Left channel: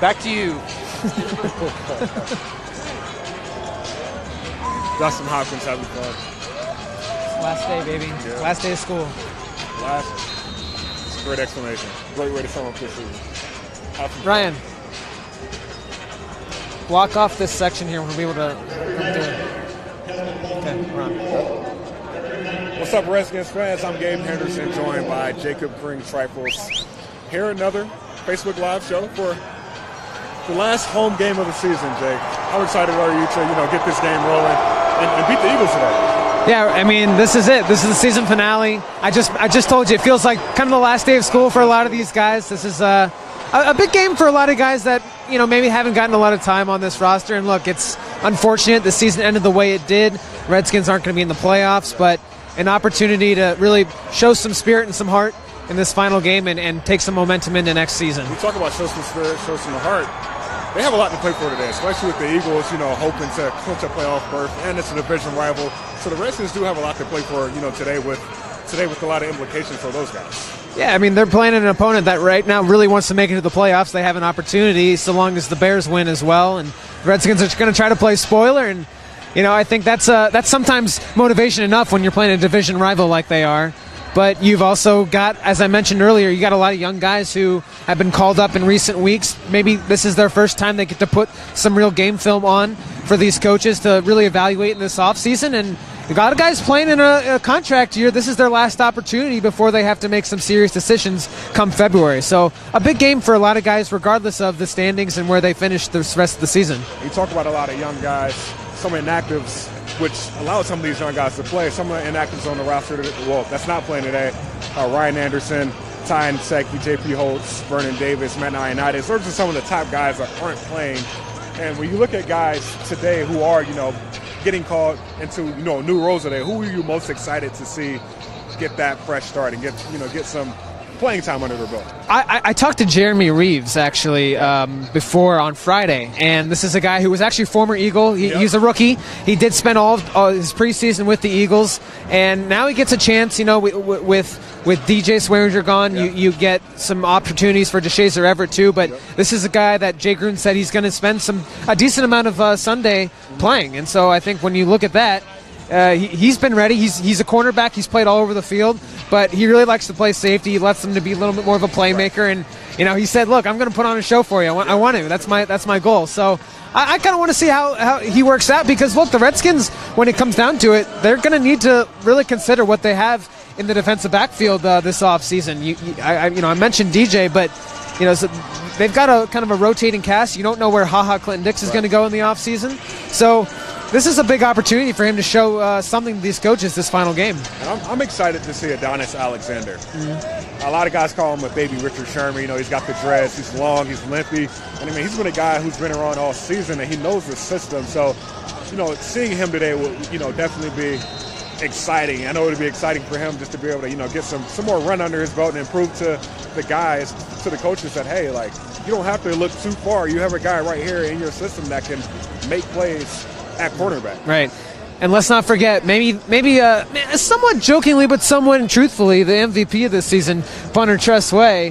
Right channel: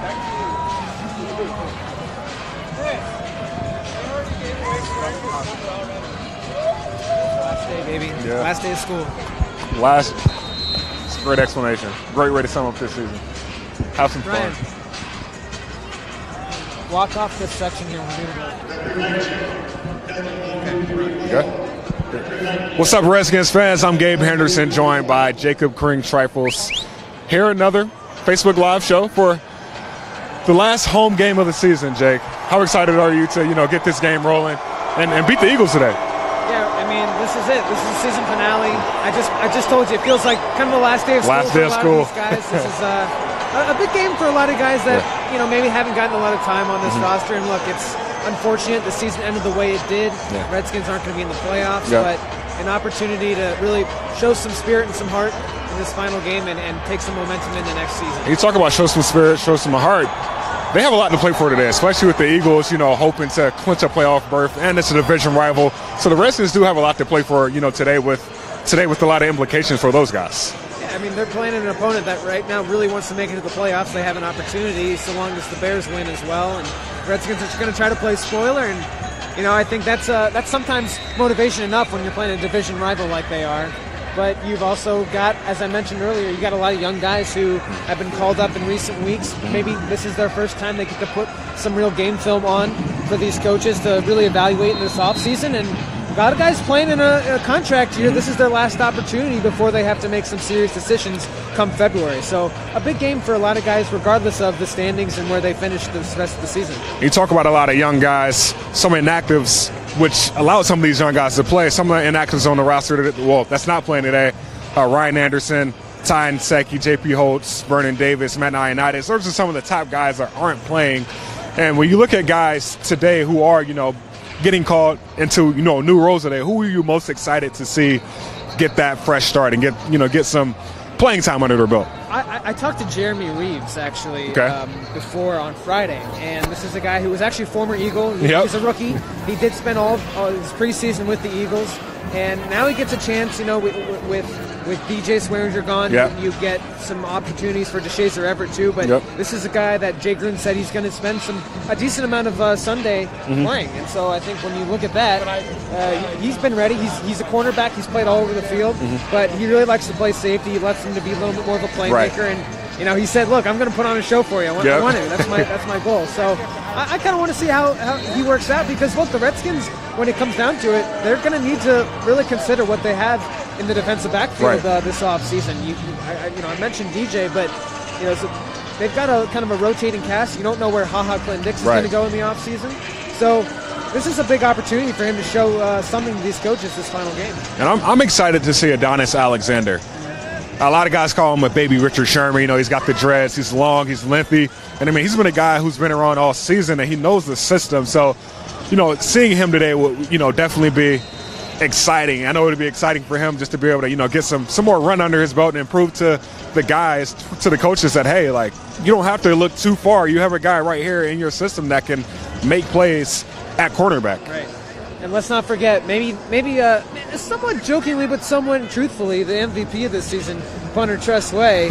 Back to you. That's how it's having fun. Last day, baby. Yeah. Last day of school. It's a great explanation. Great way to sum up this season. Have some Ryan, fun. walk off this section here. We'll be able to. Okay, Ron. Okay. What's up, Redskins fans? I'm Gabe Henderson, joined by Jacob Kring-Trifles. Here another Facebook Live show for the last home game of the season, Jake. How excited are you to, get this game rolling and beat the Eagles today? Yeah, I mean, this is it. This is the season finale. I just told you, it feels like kind of the last day of school for a lot of these guys. This is a big game for a lot of guys that, maybe haven't gotten a lot of time on this roster. And look, it's unfortunate the season ended the way it did. Yeah. Redskins aren't going to be in the playoffs, but an opportunity to really show some spirit and some heart in this final game and take some momentum into next season. You talk about show some spirit, show some heart. They have a lot to play for today, especially with the Eagles, hoping to clinch a playoff berth, and it's a division rival. So the Redskins do have a lot to play for, today with a lot of implications for those guys. Yeah, I mean, they're playing an opponent that right now really wants to make it to the playoffs. They have an opportunity so long as the Bears win as well. And the Redskins are going to try to play spoiler. And, I think that's sometimes motivation enough when you're playing a division rival like they are. But you've also got, as I mentioned earlier, you got a lot of young guys who have been called up in recent weeks. Maybe this is their first time they get to put some real game film on for these coaches to really evaluate in this offseason. And a lot of guys playing in a contract year. This is their last opportunity before they have to make some serious decisions come February. So a big game for a lot of guys, regardless of the standings and where they finish the rest of the season. You talk about a lot of young guys, some inactives, which allowed some of these young guys to play. Some of the inactives on the roster, that's not playing today. Ryan Anderson, Tyne Secchi, J.P. Holtz, Vernon Davis, Matt Ioannidis. Those are some of the top guys that aren't playing. And when you look at guys today who are, getting called into, new roles today, who are you most excited to see get that fresh start and get some playing time under their belt? I talked to Jeremy Reeves, actually, before on Friday, and this is a guy who was actually a former Eagle. He's a rookie. He did spend all his preseason with the Eagles, and now he gets a chance, with DJ Swearinger gone, you get some opportunities for DeShazer Everett too, but this is a guy that Jay Gruden said he's going to spend a decent amount of Sunday playing, and so I think when you look at that, he's been ready. He's a cornerback. He's played all over the field, but he really likes to play safety. He lets him to be a little bit more of a playmaker, and he said, "Look, I'm going to put on a show for you. I want to. That's my goal." So I kind of want to see how he works out, because look, the Redskins, when it comes down to it, they're going to need to really consider what they have in the defensive backfield this offseason. I mentioned DJ, but so they've got a kind of a rotating cast. You don't know where Clinton-Dix is going to go in the offseason. So this is a big opportunity for him to show something to these coaches this final game. And I'm excited to see Adonis Alexander. A lot of guys call him a baby Richard Sherman. He's got the dreads. He's long. He's lengthy. And, he's been a guy who's been around all season, and he knows the system. So, seeing him today will, definitely be exciting. I know it'll be exciting for him just to be able to, get some more run under his belt and prove to the guys, to the coaches that, hey, you don't have to look too far. You have a guy right here in your system that can make plays at quarterback. Right. And let's not forget, maybe somewhat jokingly but somewhat truthfully, the MVP of this season, punter Tress Way.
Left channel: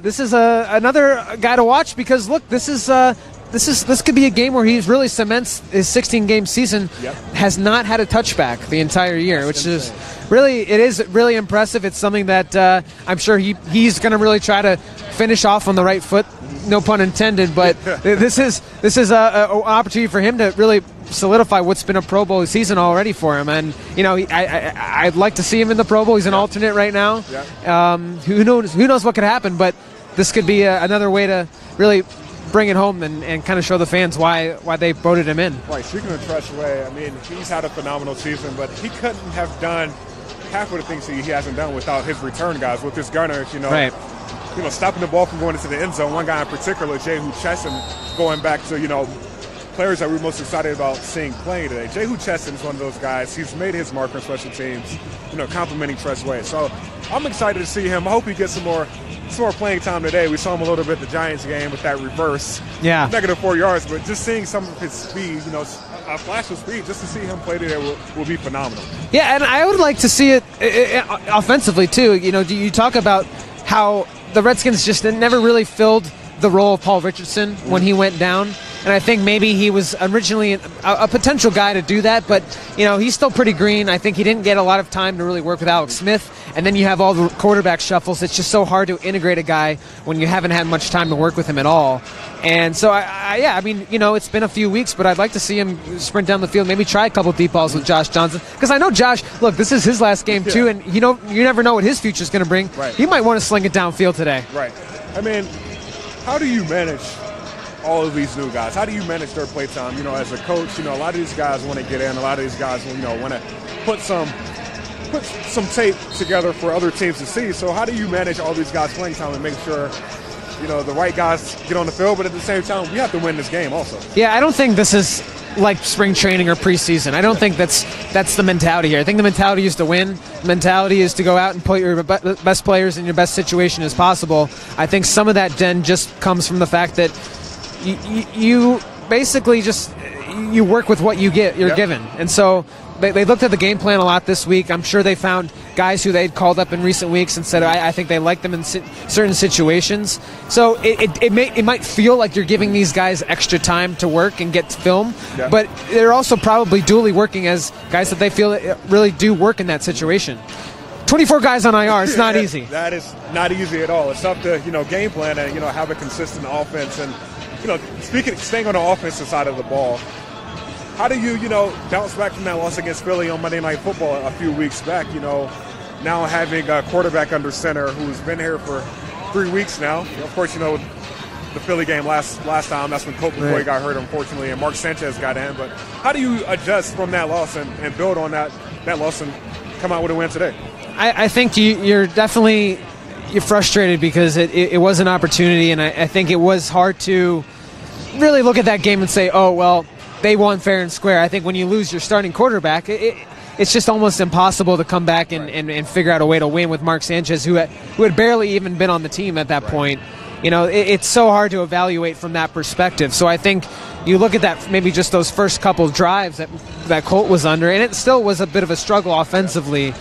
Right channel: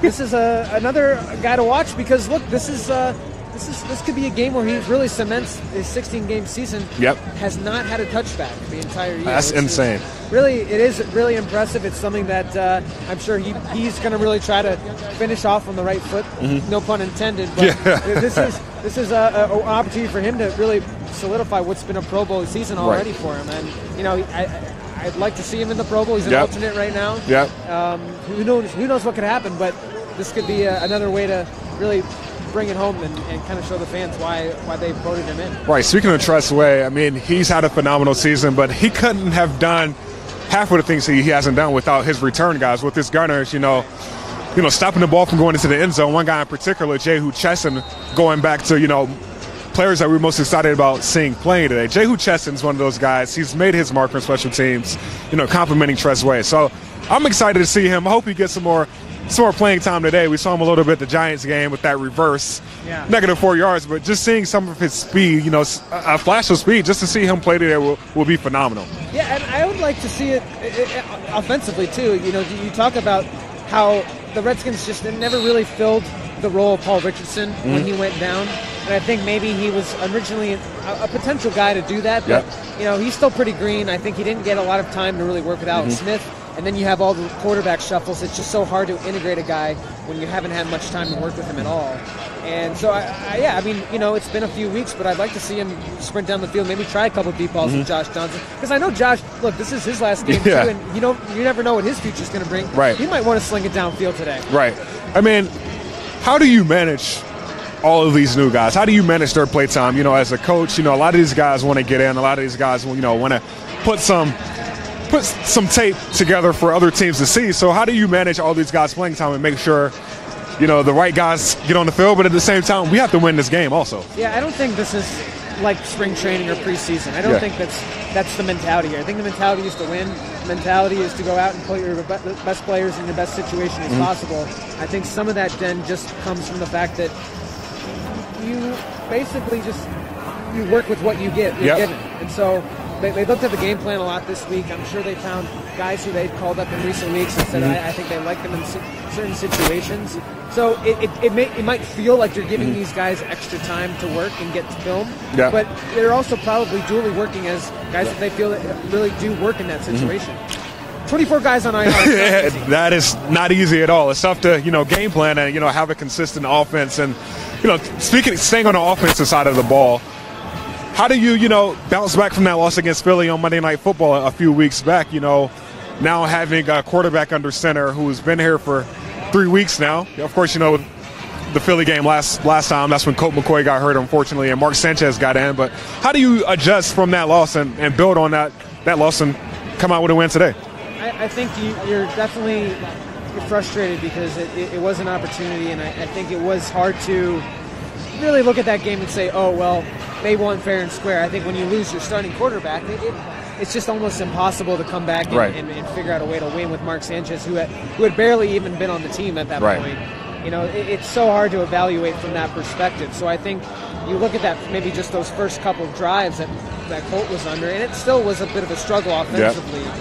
This is another guy to watch, because look, this could be a game where he really cements his 16-game season. Has not had a touchback the entire year. That's insane. It is really impressive. It's something that I'm sure he's going to really try to finish off on the right foot. No pun intended. But this is an opportunity for him to really solidify what's been a Pro Bowl season already for him. And I'd like to see him in the Pro Bowl. He's an alternate right now. Who knows what could happen? But this could be another way to really bring it home and kind of show the fans why they voted him in. Right. Speaking of Tress Way, he's had a phenomenal season, but he couldn't have done half of the things he hasn't done without his return guys, with his gunners, stopping the ball from going into the end zone. One guy in particular, Jehu Chesson, going back to, players that we're most excited about seeing playing today. Jehu Chesson's one of those guys. He's made his mark on special teams, complimenting Tress Way. So I'm excited to see him. I hope he gets some more playing time today. We saw him a little bit at the Giants game with that reverse, -4 yards, but just seeing some of his speed, a flash of speed, just to see him play today will be phenomenal. Yeah, and I would like to see it offensively too. You talk about how the Redskins just never really filled the role of Paul Richardson when he went down. And I think maybe he was originally a potential guy to do that, but he's still pretty green. I think he didn't get a lot of time to really work with Alex Smith. And then you have all the quarterback shuffles. It's just so hard to integrate a guy when you haven't had much time to work with him at all. And so, it's been a few weeks, but I'd like to see him sprint down the field, maybe try a couple deep balls with Josh Johnson. Because I know Josh, look, this is his last game too, and you never know what his future's going to bring. Right. He might want to sling it downfield today. Right. I mean, how do you manage all of these new guys? How do you manage their play time? As a coach, a lot of these guys want to get in. A lot of these guys, want to put some tape together for other teams to see. So how do you manage all these guys playing time and make sure, the right guys get on the field, but at the same time, we have to win this game also? Yeah, I don't think this is like spring training or preseason. I don't think that's the mentality here. I think the mentality is to win. The mentality is to go out and put your best players in your best situation as possible. I think some of that then just comes from the fact that you basically just you work with what you're given. And so they looked at the game plan a lot this week. I'm sure they found guys who they'd called up in recent weeks and said, I think they like them in certain situations. So it might feel like you're giving these guys extra time to work and get film, but they're also probably dually working as guys that they feel really do work in that situation. 24 guys on IR, it's not easy. That is not easy at all. It's tough to, game plan and, have a consistent offense. And, staying on the offensive side of the ball, how do you, bounce back from that loss against Philly on Monday Night Football a few weeks back, now having a quarterback under center who's been here for 3 weeks now. Of course, with the Philly game last time, that's when Colt McCoy got hurt, unfortunately, and Mark Sanchez got in. But how do you adjust from that loss and build on that loss and come out with a win today? I think you're definitely frustrated because it was an opportunity, and I think it was hard to really look at that game and say, oh, well, they won fair and square. I think when you lose your starting quarterback, it's just almost impossible to come back and figure out a way to win with Mark Sanchez, who had barely even been on the team at that point. It's so hard to evaluate from that perspective. So I think you look at that, maybe just those first couple of drives that Colt was under, and it still was a bit of a struggle offensively.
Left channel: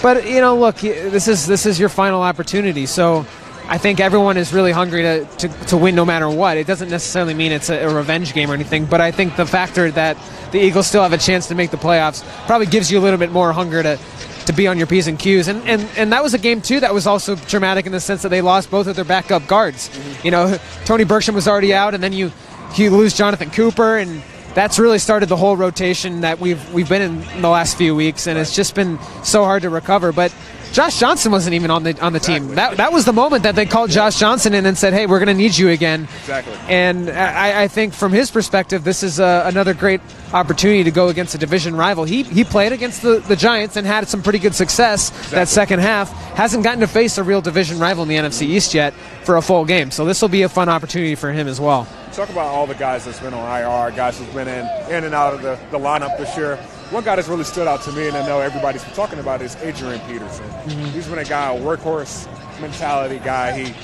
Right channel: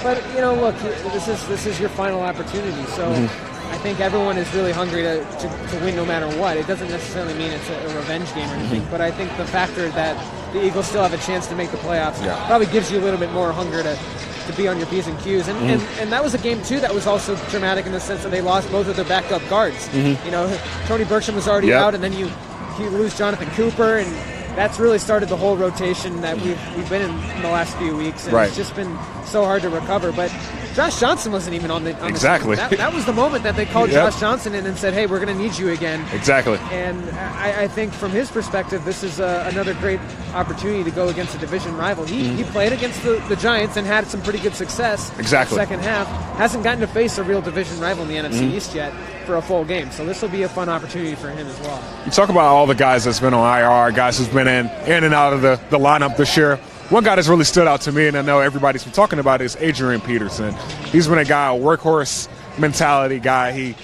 But, look, this is your final opportunity. So I think everyone is really hungry to win no matter what. It doesn't necessarily mean it's a revenge game or anything, but I think the factor that the Eagles still have a chance to make the playoffs probably gives you a little bit more hunger to be on your P's and Q's. And that was a game, too, that was also dramatic in the sense that they lost both of their backup guards. Tony Bergsham was already out, and then you lose Jonathan Cooper, and that's really started the whole rotation that we've been in the last few weeks, and it's just been so hard to recover. But Josh Johnson wasn't even on the team. That was the moment that they called Josh Johnson in and said, hey, we're going to need you again. Exactly. And I think from his perspective, this is another great opportunity to go against a division rival. He played against the Giants and had some pretty good success that second half. Hasn't gotten to face a real division rival in the NFC East yet for a full game. So this will be a fun opportunity for him as well. You talk about all the guys that's been on IR, guys who's been in and out of the lineup this year. One guy that's really stood out to me, and I know everybody's been talking about, is Adrian Peterson. He's been a guy, a workhorse mentality guy.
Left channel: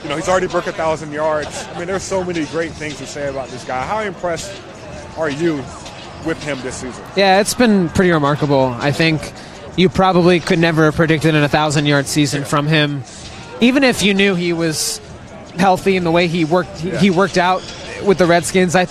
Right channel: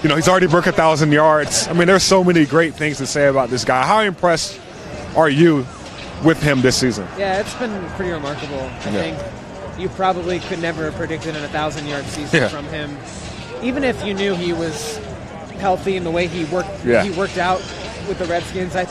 He's already broke 1,000 yards. I mean, there's so many great things to say about this guy. How impressed are you with him this season? Yeah, it's been pretty remarkable. I think you probably could never have predicted an 1,000-yard season from him, even if you knew he was healthy in the way he worked out with the Redskins. I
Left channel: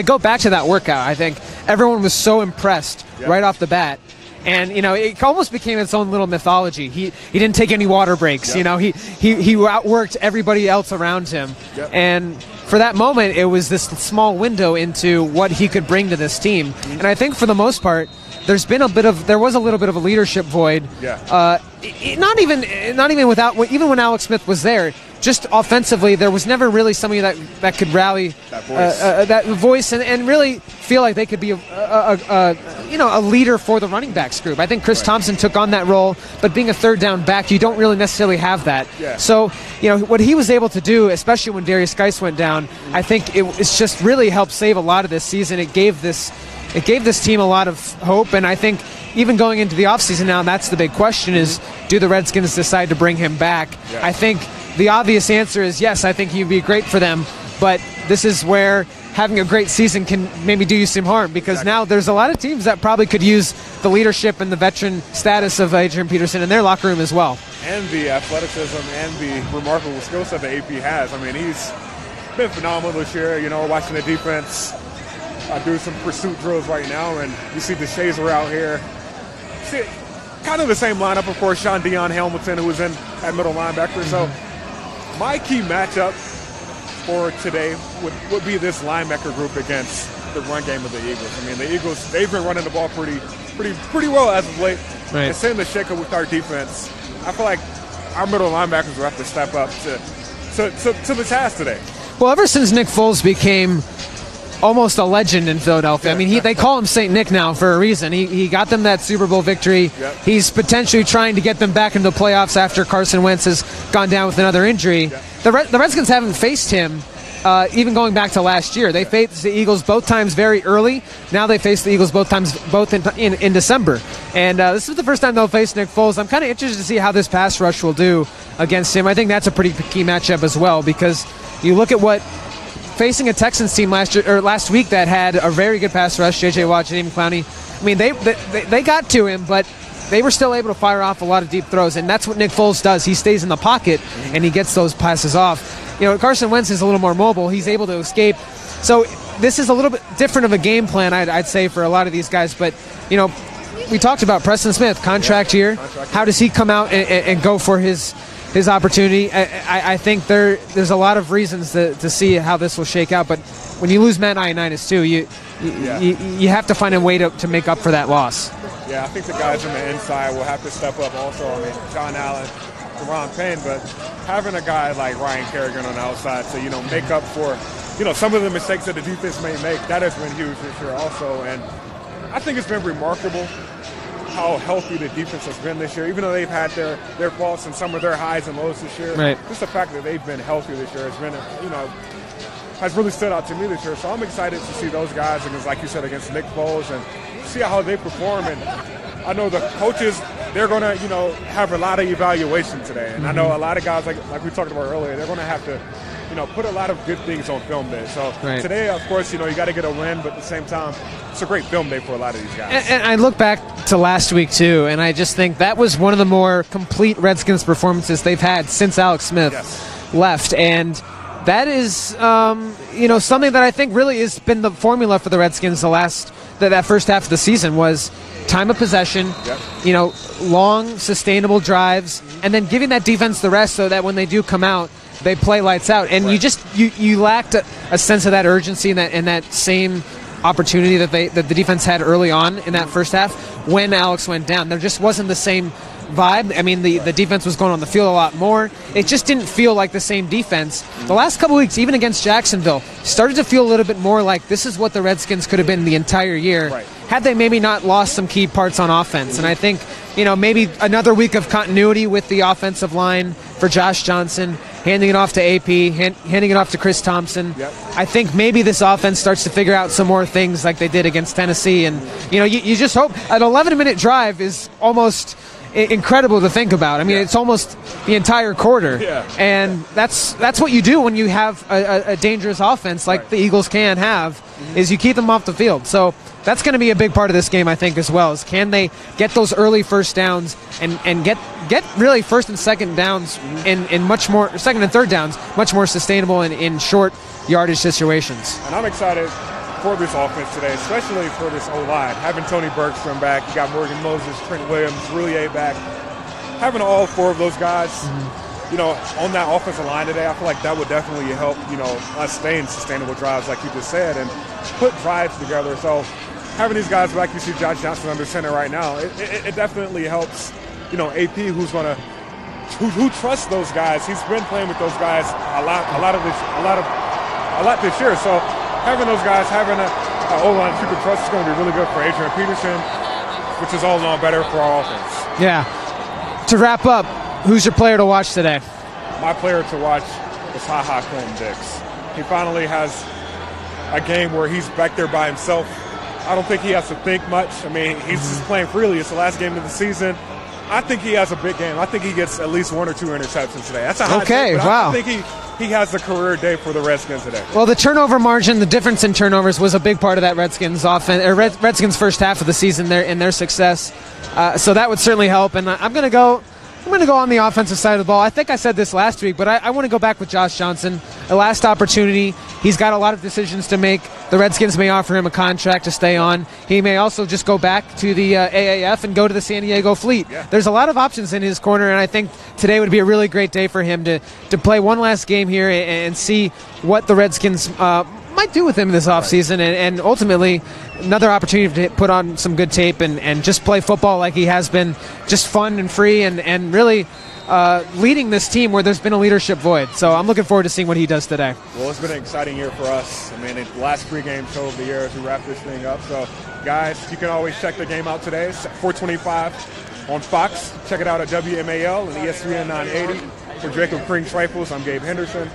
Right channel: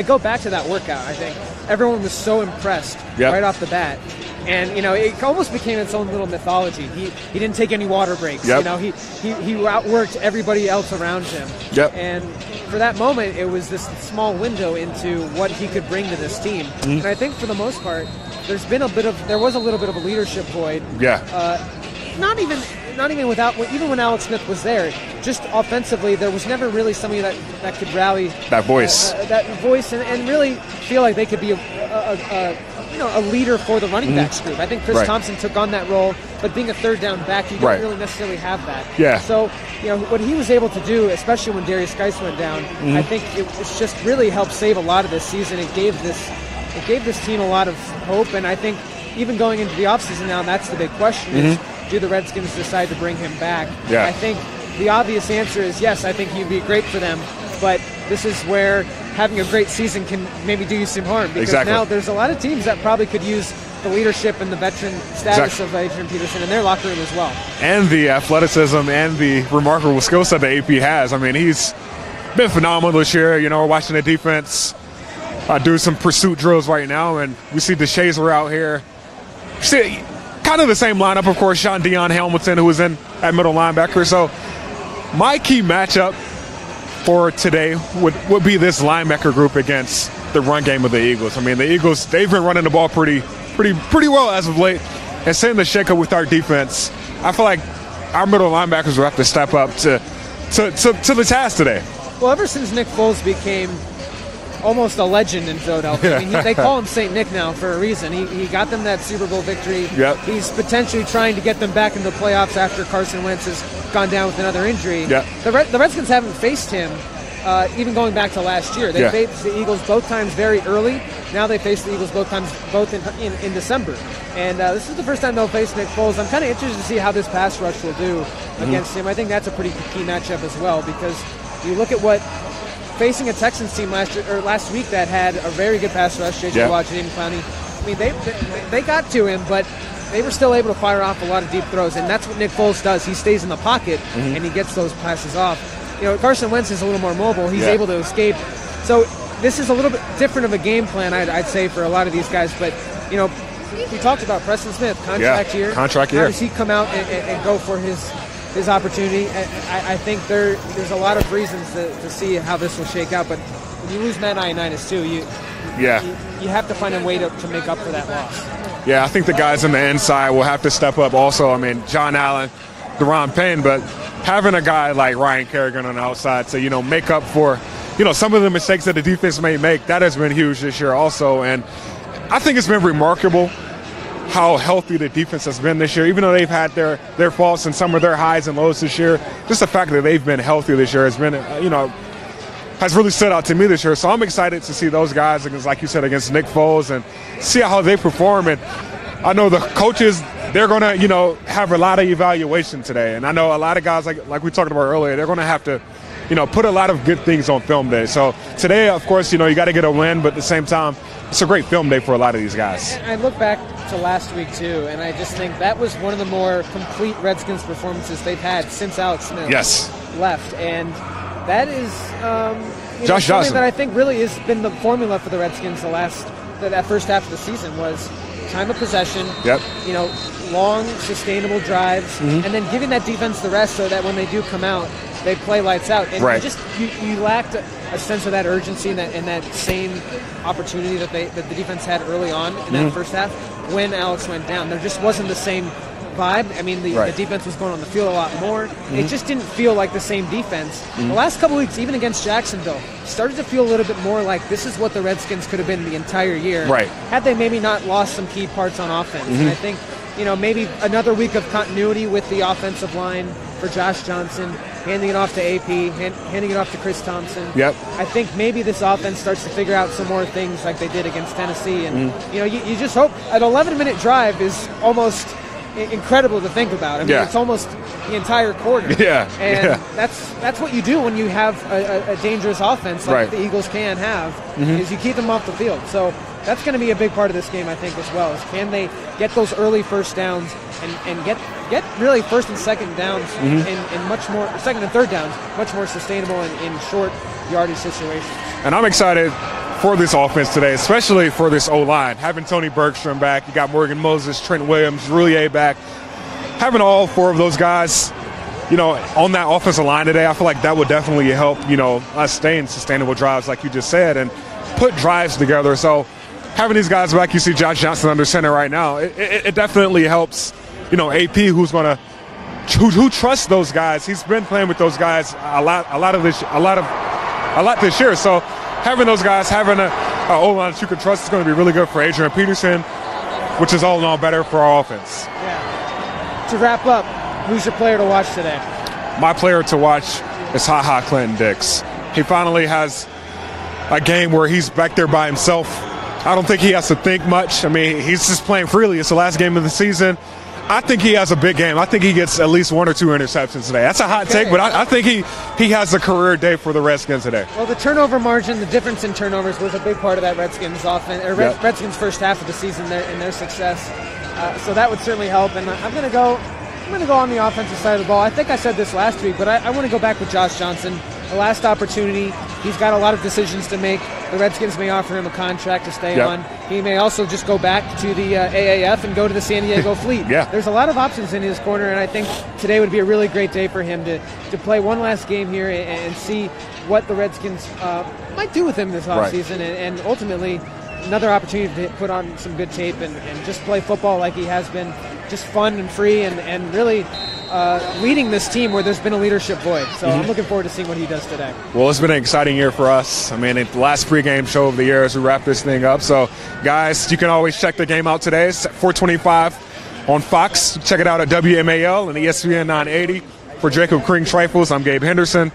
go back to that workout. I think everyone was so impressed right off the bat. And, it almost became its own little mythology. He didn't take any water breaks. He outworked everybody else around him. And for that moment, it was this small window into what he could bring to this team. And I think for the most part, there was a little bit of a leadership void. Not even even when Alex Smith was there, just offensively, there was never really somebody that could rally that voice, and really feel like they could be a leader for the running backs group. I think Chris Thompson took on that role, but being a third down back, you don't really necessarily have that. So what he was able to do, especially when Darius Geis went down, I think it's just really helped save a lot of this season. It gave this team a lot of hope, and I think even going into the offseason now, that's the big question is, do the Redskins decide to bring him back? I think the obvious answer is yes, I think he'd be great for them, but this is where having a great season can maybe do you some harm, because now there's a lot of teams that probably could use the leadership and the veteran status of Adrian Peterson in their locker room as well. And the athleticism and the remarkable skill set that AP has. I mean, he's been phenomenal this year. You know, we're watching the defense do some pursuit drills right now, and we see the Shazer out here. See, kind of the same lineup, of course, Sean Dion Hamilton, who was in at middle linebacker. So my key matchup for today would be this linebacker group against the run game of the Eagles. I mean, the Eagles, they've been running the ball pretty well as of late. Right. And seeing the shakeup with our defense, I feel like our middle linebackers will have to step up to the task today. Well, ever since Nick Foles became almost a legend in Philadelphia. I mean, they call him St. Nick now for a reason. He got them that Super Bowl victory. Yep. He's potentially trying to get them back into the playoffs after Carson Wentz has gone down with another injury. Yep. The Redskins haven't faced him even going back to last year. They faced the Eagles both times very early. Now they face the Eagles both in December. And this is the first time they'll face Nick Foles. I'm kind of interested to see how this pass rush will do against him. I think that's a pretty key matchup as well, because you look at what facing a Texans team last week that had a very good pass rush, J.J. Watt, Jadeveon Clowney. I mean, they got to him, but they were still able to fire off a lot of deep throws, and that's what Nick Foles does. He stays in the pocket, and he gets those passes off. You know, Carson Wentz is a little more mobile. He's able to escape. So this is a little bit different of a game plan, I'd say, for a lot of these guys. But, you know, we talked about Preston Smith, contract year. How does he come out and go for his opportunity? I think there's a lot of reasons to see how this will shake out, but when you lose Matt Ioannidis too, you have to find a way to make up for that loss. Yeah, I think the guys on the inside will have to step up also. I mean, John Allen, Deron Payne, but having a guy like Ryan Kerrigan on the outside to, you know, make up for, you know, some of the mistakes that the defense may make, that has been huge this year also. And I think it's been remarkable how healthy the defense has been this year, even though they've had their faults and some of their highs and lows this year. Right. Just the fact that they've been healthy this year has been, you know, has really stood out to me this year. So I'm excited to see those guys against, like you said, against Nick Foles and see how they perform. And I know the coaches, they're going to, you know, have a lot of evaluation today. And I know a lot of guys, like we talked about earlier, they're going to have to, you know, put a lot of good things on film day. So today, of course, you know, you got to get a win, but at the same time, it's a great film day for a lot of these guys. And I look back to last week, too, and I just think that was one of the more complete Redskins performances they've had since Alex Smith left. And that is, you know, something that I think really has been the formula for the Redskins that first half of the season was time of possession, you know, long, sustainable drives, and then giving that defense the rest so that when they do come out, they play lights out. And you lacked a sense of that urgency and that same opportunity that the defense had early on in that first half when Alex went down. There just wasn't the same vibe. I mean, the defense was going on the field a lot more. It just didn't feel like the same defense. The last couple weeks, even against Jacksonville, started to feel a little bit more like this is what the Redskins could have been the entire year had they maybe not lost some key parts on offense. And I think, you know, maybe another week of continuity with the offensive line for Josh Johnson, handing it off to AP, handing it off to Chris Thompson. I think maybe this offense starts to figure out some more things like they did against Tennessee. And, you know, you just hope an 11-minute drive is almost incredible to think about. I mean, it's almost the entire quarter. And that's what you do when you have a dangerous offense like the Eagles can have, is you keep them off the field. So that's going to be a big part of this game, I think, as well, is can they get those early first downs and get really first and second downs in much more, second and third downs, much more sustainable in short yardage situations. And I'm excited for this offense today, especially for this O-line. Having Tony Bergstrom back, you got Morgan Moses, Trent Williams, Roulier back. Having all four of those guys, you know, on that offensive line today, I feel like that would definitely help, you know, us stay in sustainable drives, like you just said, and put drives together. So having these guys back, you see Josh Johnson under center right now, it definitely helps, you know, AP, who trusts those guys. He's been playing with those guys a lot this year. So having those guys, having an O-line that you can trust is going to be really good for Adrian Peterson, which is all along better for our offense. Yeah. To wrap up, who's your player to watch today? My player to watch is Ha-Ha Clinton-Dix. He finally has a game where he's back there by himself. I don't think he has to think much. I mean, he's just playing freely. It's the last game of the season. I think he has a big game. I think he gets at least 1 or 2 interceptions today. That's a hot take, but I think he has a career day for the Redskins today. Well, the turnover margin, the difference in turnovers was a big part of that Redskins offense, Redskins first half of the season in their success. So that would certainly help. And I'm going to go I'm going to go on the offensive side of the ball. I think I said this last week, but I want to go back with Josh Johnson. The last opportunity, he's got a lot of decisions to make. The Redskins may offer him a contract to stay on. He may also just go back to the AAF and go to the San Diego Fleet. There's a lot of options in his corner, and I think today would be a really great day for him to play one last game here and see what the Redskins might do with him this offseason, and ultimately another opportunity to put on some good tape and just play football like he has been, just fun and free, and really leading this team where there's been a leadership void. So I'm looking forward to seeing what he does today. Well, it's been an exciting year for us. I mean, it's the last pregame show of the year as we wrap this thing up. So, guys, you can always check the game out today. It's 425 on Fox. Check it out at WMAL and ESPN 980. For Jacob Kring Trifles, I'm Gabe Henderson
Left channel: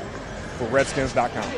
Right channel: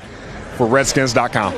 for Redskins.com.